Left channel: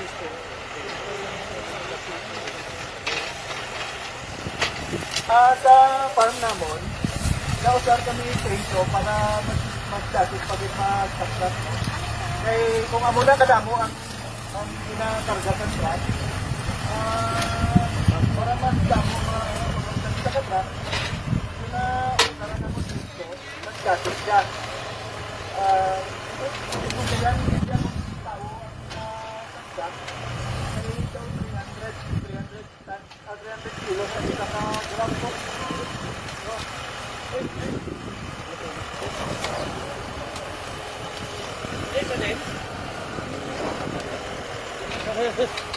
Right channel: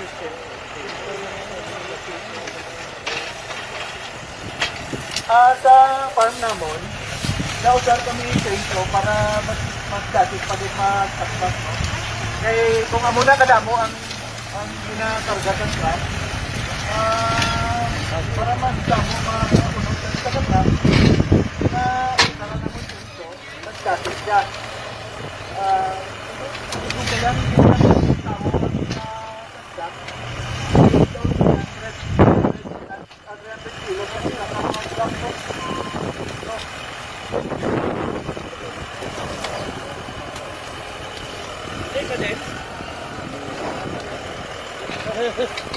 Sa farm naman, na-usar kami chainsaw para mas-dasit pa din magtakbat. Eh, kung amuna ka damo, ang ginakarugatan ka, para mas damo magtakbat, mas-dasit siya. Ito lang yung